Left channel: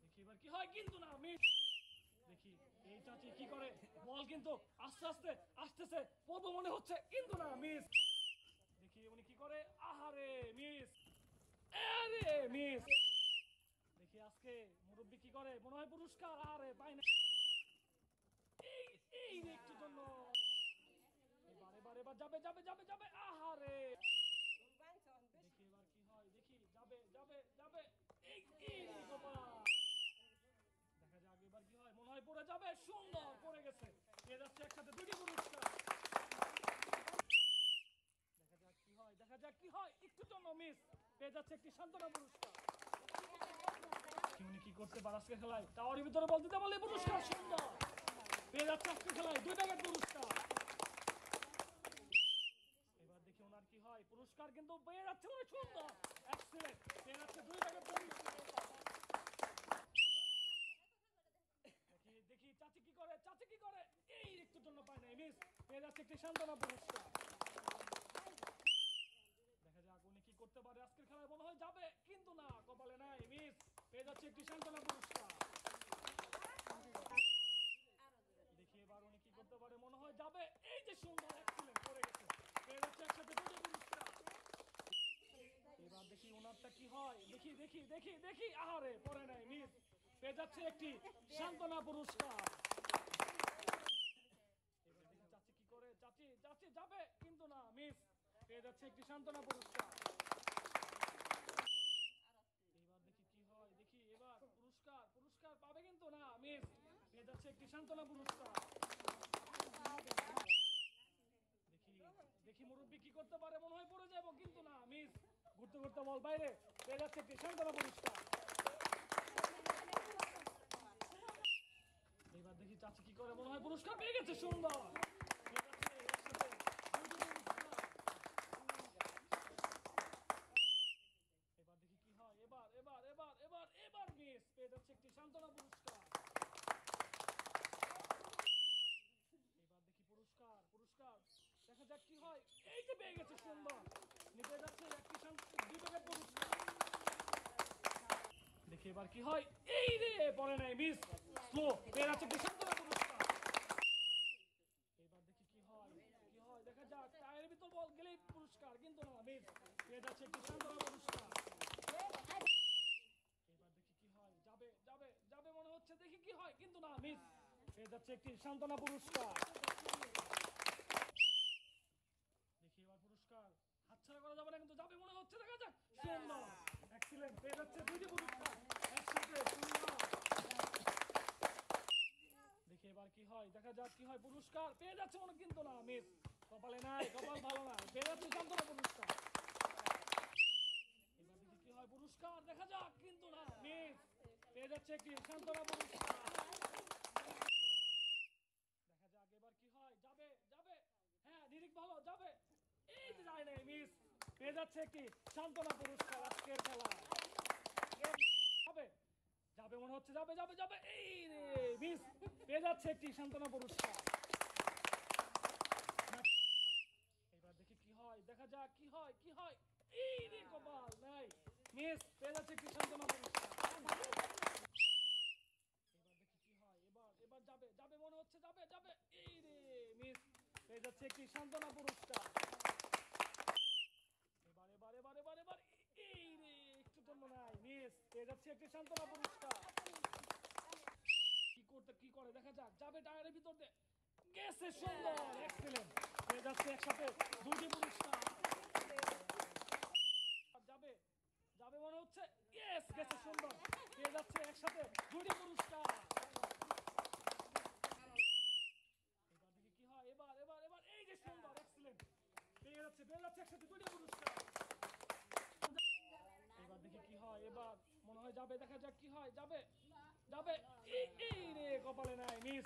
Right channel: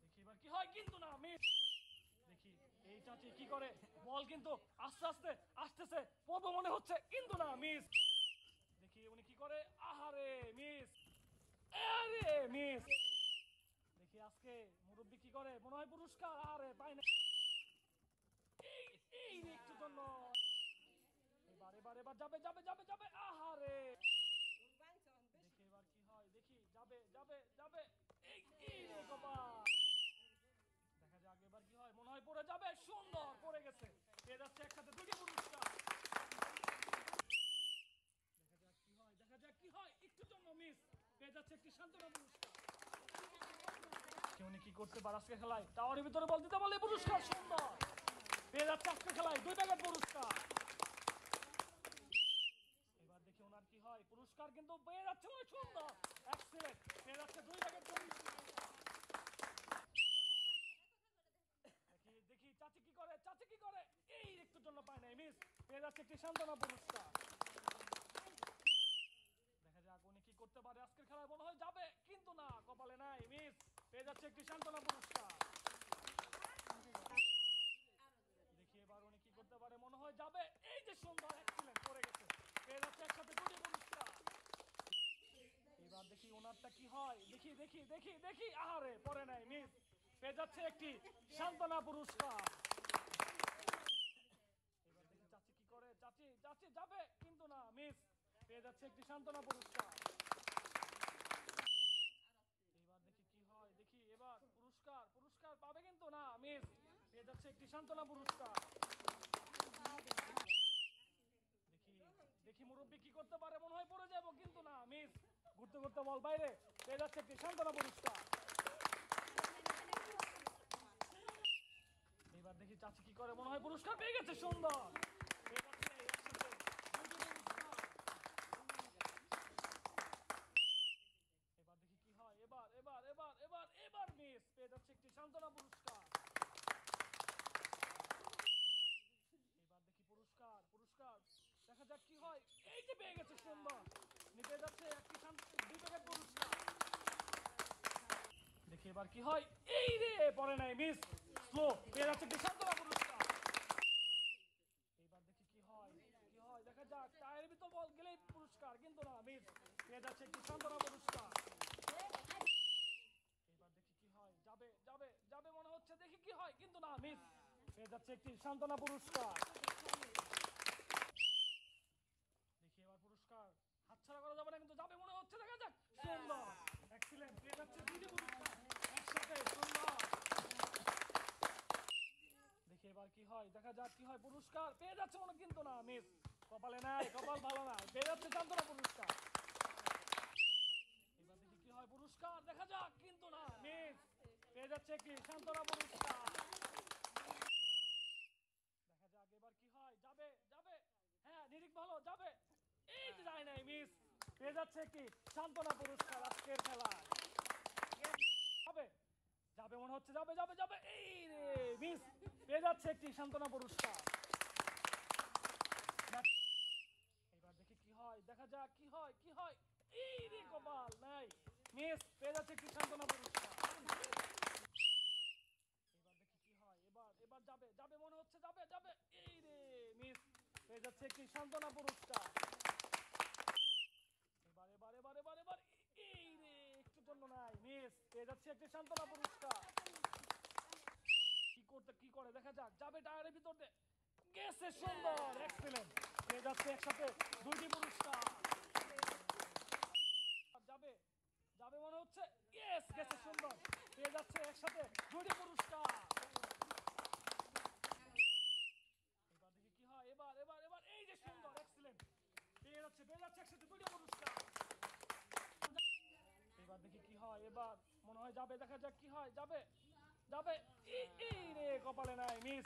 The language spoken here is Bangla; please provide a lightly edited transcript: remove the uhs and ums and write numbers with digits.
দেখি এবার কি হয়, কিন্তু না মিস। দেখি এই চাচি কি করে, বল কিন্তু আস্তে আস্তে আসতেছে, পদ মনে হচ্ছে, কিন্তু না মিস। দেখি উনি কি করে, আহারে মিস, আরে মিস। দেখি আজকে মুরব্বী কি করে, মনে হয় পুরস্কার, আরে তাই না, এই একটু জন্য। এবার এবার এবার যাবে যাবে যাবে যাবে, আহারে। দেখি এবার কি হয়, দেখি যাবে যাবে যাবে, দেখা যাক এবার কি হয়, মনে হয় পড়ে যাবে, সুন্দর পড়ে গেছে, পেয়ে যাচ্ছে একসাথে দুটি পুরস্কার। দেখা যাক কি হয়, দেখা যাক কি হয়, একটু জন্য মিস, পেয়ে যাচ্ছে একটি সান্ত্বনা পুরস্কার। উনি কি করতে পারে আজকে খেলায়, টাওয়ারের ভিতরে বল দিতে বলে পুরস্কার, সুন্দর পেয়ে যাচ্ছে আজকে খেলায় 2 টাকার পুরস্কার। এবার দেখি ওনার কি হয়, পুরস্কার কিন্তু পেয়ে যাচ্ছে, অনেক সুন্দর, এক্সেলেন্ট, পেয়ে যাচ্ছে 2 টাকার পুরস্কার। দেখি চাচি কি করে, চাচি কি করে, এই একটুর জন্য পায় নাই, মিস, পেয়ে যাচ্ছে একটি সান্ত্বনা পুরস্কার। দেখা যাক উনি কি করতে পারে আজকের খেলায়, মনে হয় যাবে, কিন্তু না, কপালে নাই, মিস, পেয়ে যাচ্ছে একটি সান্ত্বনা পুরস্কার। দেখি এবার উনি কি করতে পারে, মনে হয় যাবে, এই যে সুন্দর, এক্সেলেন্ট, পড়ে গেছে, পেয়ে যাচ্ছে একসাথে 2টি পুরস্কার। এবার দেখি ওনারটা কি হয়, দেখি দেখি দেখি দেখি, আহারে পড়ে নাই, মিস, পেয়ে যাচ্ছে একটি সান্ত্বনা পুরস্কার। এবার দেখি চাচি কি করে, চাচি চাচি যাবে, কিন্তু না, মিস, পেয়ে যাচ্ছে একটি সান্ত্বনা পুরস্কার। এবার দেখি কি হয়, দেখি এবার পুরস্কার, পুরস্কার পাবে, কিন্তু না, মিস, পেয়ে যাচ্ছে একটি সান্ত্বনা পুরস্কার। দেখি দেখি মুরব্বী কি করতে পারে, মনে হয় পড়ে যাবো, কিন্তু না, মিস, ঘুরতে ঘুরতে বল বাইরে, পেয়ে যাচ্ছে একটি সান্ত্বনা পুরস্কার। এবার দেখি চাচি কি করে, মনে হয় পুরস্কার পেয়ে গেছে, সুন্দর, এবার দেখি কি হয়, এবার এবার এবার এবার এবার মিস, পেয়ে যাচ্ছে একটি সান্ত্বনা পুরস্কার। এবার দেখি পুরস্কার, পুরস্কার, দেখা যাক কি হয়, এই যে পেয়ে গেছে, সুন্দর, নিতে যাচ্ছে একটি 2 টাকার পুরস্কার। দেখি এবার কি হয়, এই রে পড়ে নাই, মিস, স্লো, পেয়ে যাচ্ছে একটি সান্ত্বনা পুরস্কার। এবার দেখি কি হয়, কি হয়, দেখা যাক, টায়ারের ভিতর বল গেলেই পুরস্কার, কিন্তু না, মিস, পেয়ে যাচ্ছে একটি সান্ত্বনা পুরস্কার। এবার দেখি কি হয়, যাবে যাবে যাবে মনে হচ্ছে, দেখি কি হয়, কিন্তু না, মিস, পেয়ে যাচ্ছে একটি সান্ত্বনা পুরস্কার। দেখি এবার পুরস্কার হাতছাড়া করা যাবে না, কিন্তু যাবে মনে হচ্ছে, দেখা যাক, সুন্দর, এক্সিলেন্ট, পেয়ে যাচ্ছে 2টি পুরস্কার একসাথে, সুন্দর। দেখি এবার কি হয়, দেখা যাক কি হয়, পুরস্কার পেয়ে যাচ্ছে মনে, কিন্তু না, মিস, কপালে নাই, কপাল ভালো না, পেয়ে যাচ্ছে সান্ত্বনা পুরস্কার। এবার দেখি কি হয়, পুরস্কার, দেখা যাক, কিন্তু না, মিস, পেয়ে যাচ্ছে একটি সান্ত্বনা পুরস্কার। দেখা যাক এবার কি হয়, যাবে যাবে, হ্যাঁ নিরিক ভালো, যাবে, এই যে যায় নাই, মিস, পেয়ে যাচ্ছে একটি সান্ত্বনা পুরস্কার আজকের খেলা। যাবে যাবে মনে হচ্ছে, যাবে যাবে যাবে, এই রে মিস, পেয়ে যাচ্ছে একটি সান্ত্বনা পুরস্কার। এবার দেখি কি হয়, দেখা যাক কি হয়, কি হয়, এই রে কপাল নাই, মিস, পেয়ে যাচ্ছে একটি সান্ত্বনা পুরস্কার। এবার দেখি কি হয়, এবার এবার যাবে যাবে মনে হচ্ছে, যাবে যাবে, এই রে মিস, পেয়ে যাচ্ছে একটি সান্ত্বনা পুরস্কার। এবার এবার এবার এবার এবার, এই রে একটু জন্য নাই, মিস, পেয়ে যাচ্ছে একটি সান্ত্বনা পুরস্কার। কি করতে কি করে, দেখা যাক, যাবে টায়ারের ভিতর দিয়ে গেছে, সুন্দর, এক্সেলেন্ট, পেয়ে যাচ্ছে একসাথে 2টি পুরস্কার। যাবে যাবে মনে হচ্ছে, ইয়েস, গেছে, সুন্দর, পেয়ে যাচ্ছে একসাথে 2টি পুরস্কার। এবার দেখি কি হয়, এবার এবার এবার, এই যে সুন্দর, এক্সেলেন্ট, পেয়ে যাচ্ছে একসাথে 2টি পুরস্কার। এবার দেখি কি হয়, এবার মনে হয় যাবে, দেখা যাক কি হয়, যাবে যাবে, এই রে কপালে নাই, মিস,